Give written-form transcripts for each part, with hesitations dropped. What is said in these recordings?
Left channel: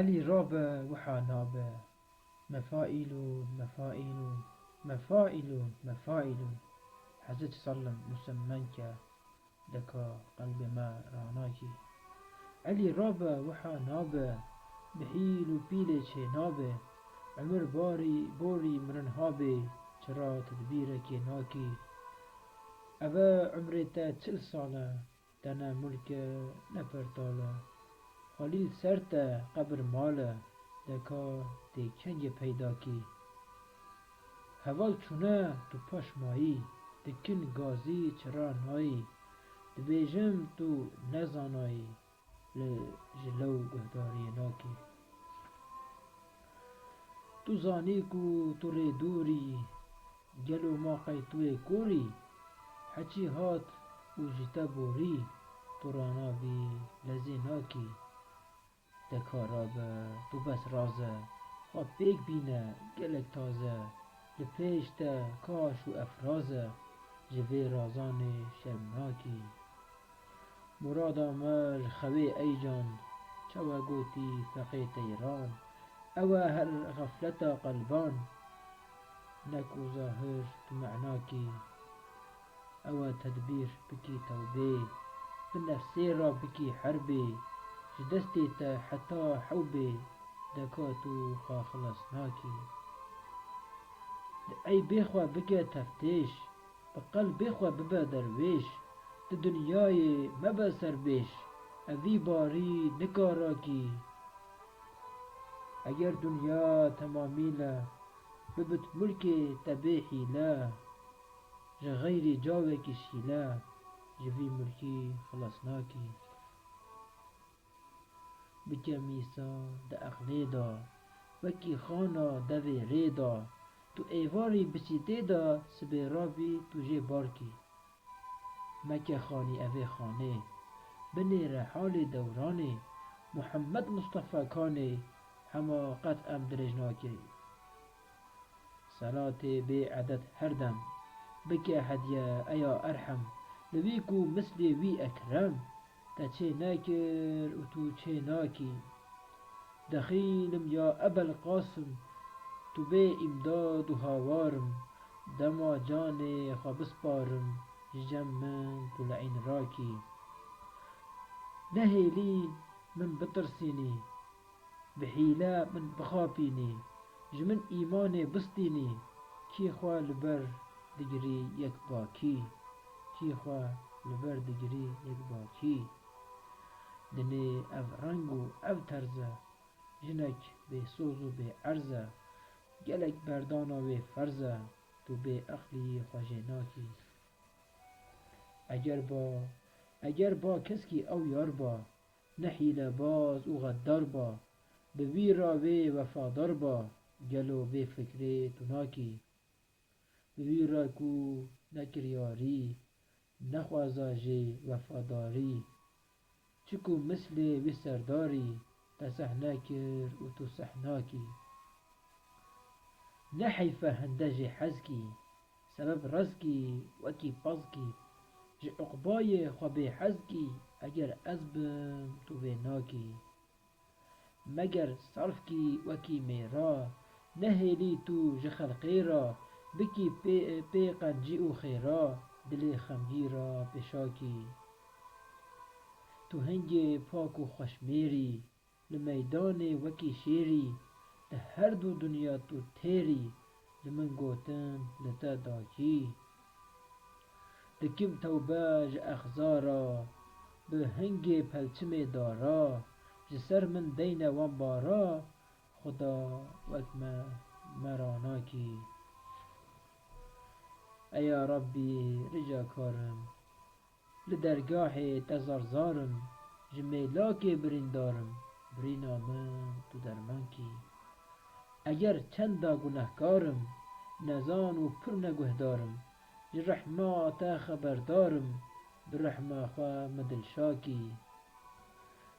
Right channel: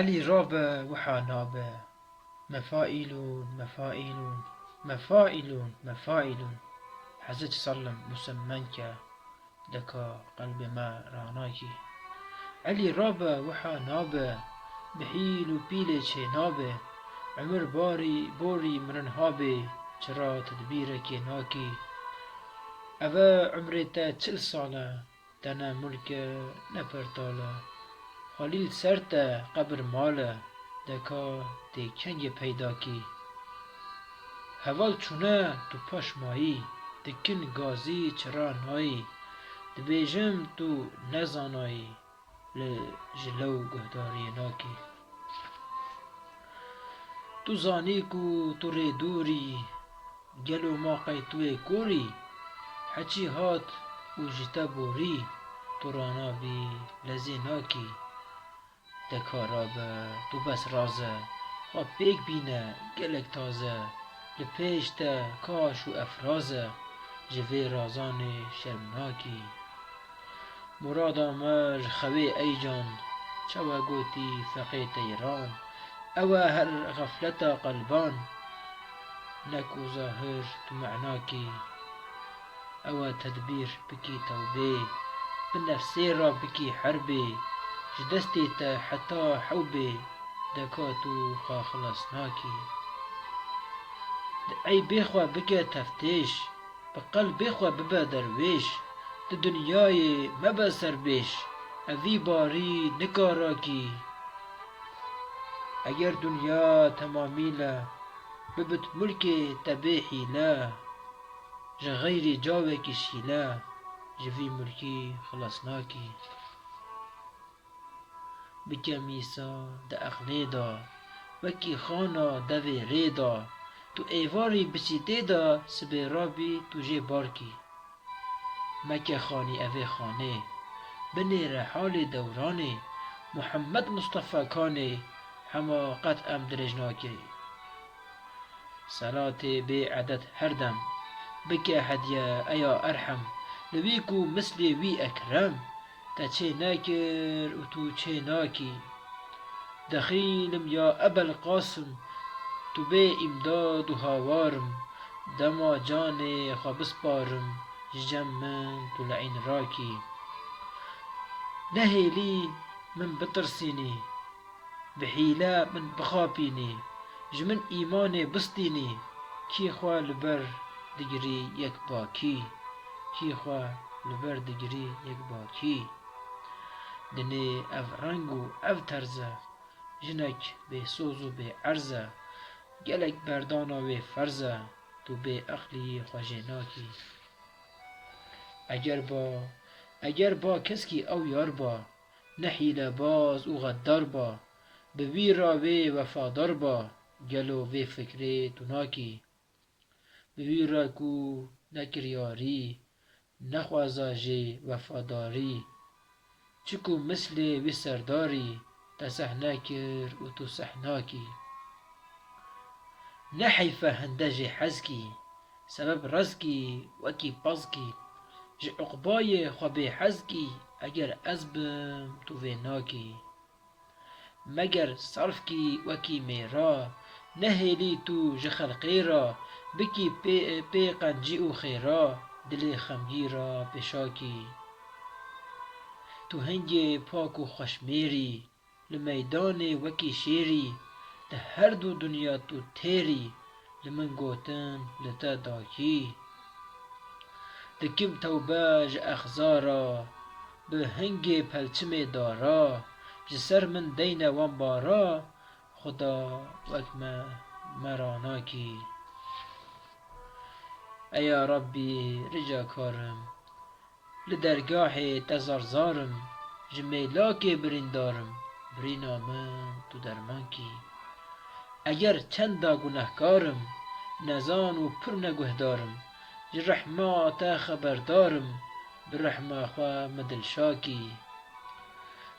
علی رابه وحانابه مفائلون مفائلون مفائلون مفائلون حزج صلم مسمنك دكا قلب ما راناكي علی رابه وحانابه بحيل وبيلي چه نابه عمر بوري مرنهابه چرا تدبيرك ناكي اوه عمرتا 40 ساله دنا ملك نپرتاله خلیل سرتا قبر ماله دکا دی کنگ پیدا کی هوال چونه تو پاش مایی دکن گازی چرا نایی دبیجم تو نزانایی لجلو گهداری ناکی تو زانی کو تو ری دوری گلو ما قیتوی کوری حچی هات و جتا بوری تو رانا بی لزی ناکی دکارابه تو بس رازه خواب پیک بینه گلک تازه لپیش تا کاش و افرازه جوی رازان شرمناکی مرادا مر خوی ای جان چوا گوتی فقیت ایران اوه هر غفلتا قلبان نکو ظاهر تو معناکی اوه تدبیر بکی توبه بنفسی را بکی حربه جدستی تا حتی حوبه دکاتو خاخلص ناکی ای بخوا بکه تفتیش بقلب بخوا ببه درویش د دنیای مبه سربیش اوی باری نکاراکی اگر دنیا تمامیله ببت ملک تبه حیله جغیر جاوه کشیله جوی ملکی خلاص ناکی بکه میسا د اغنی دا وکی خانا دوی ری دا تو ایواری بچیده دا سبیرابی تو جه بارکی مکه خانی اوی خانه بنیر حال دورانه محمد مصطفى کانه هما قطعم درجناکی صلاة بی عدد هر دم بکه هدیه ایا ارحم لویکو مثل وی اکرم تا چه ناکر و تو چه ناکی دخیلم یا ابا القاسم تو به امداد و هاوارم دما جان خوابس بارم جم من تو لعین راکی نهیلی من بترسینی بحیله من بخاپینی جمن ایمان بستینی کی خواه لبر دگری یک باکی کی خواه لبر دگری یک باکی دنه اف رنگو اف ترزه جنک به سوزو به عرضه گلک بردانا و فرزه تو به اقلی خوشناکی اگر با کسکی او یار با نحیل باز او غدار با به وی را و وفادار با گلو و فکری تو ناکی به وی را کو نکریاری نخوازا جه وفاداری چکو مثل وی سرداری تا سحناکر و تو سحناکی نحیفه هنده جه حزکی سبب رزکی وکی پزکی جه عقبای خواب حزکی اگر ازبم تو و ناکی مگر صرف کی وکی میرا نهیلی تو جه خلقی را بکی پی قنجی و خیرا دل خمگی را بشاکی تو هنگ پاک و خوشمیری لمیدان وکی شیری ده هر دو دنیا تو تیری لمن گوتن لتا داکی دکم توبه ج اخزارا به هنگ پلچم دارا جسر من دین وان بارا خدا وکم مراناکی ایا ربی رجا کارم لدرگاه تزارزارم جمیلاک بریندارم برینا من تو درمان کی اگر چندا گناهکارم نزان و پر نگهدارم جرحمات خبردارم برحمه خواه مدلشاکی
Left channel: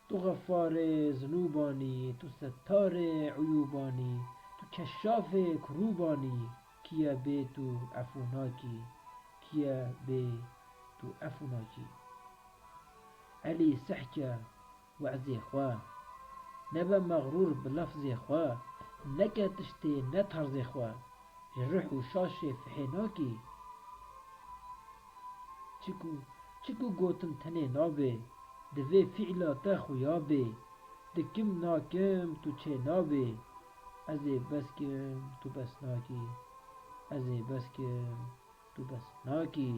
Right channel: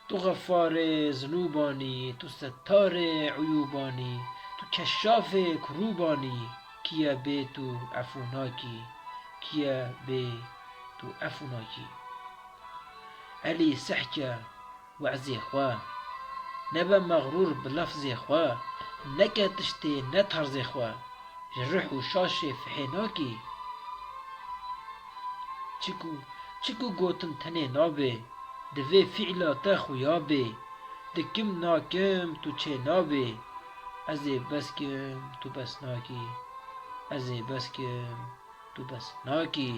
تو غفار ذنوبانی تو ستار عیوبانی تو کشاف کروبانی کیا بی تو عفوناکی کیا بی تو عفوناکی علی سحکه وعزی خواه نبا مغرور بلفظ خوا نکه تشتی نترز خوا جروح و شاش فحیناکی چکو گوتن تنه نابه دوی فعلا تا خویابه دکم ناکم تو چه نابه ازی بس کم تو بس ناکی ازی بس کم تو بس ناکی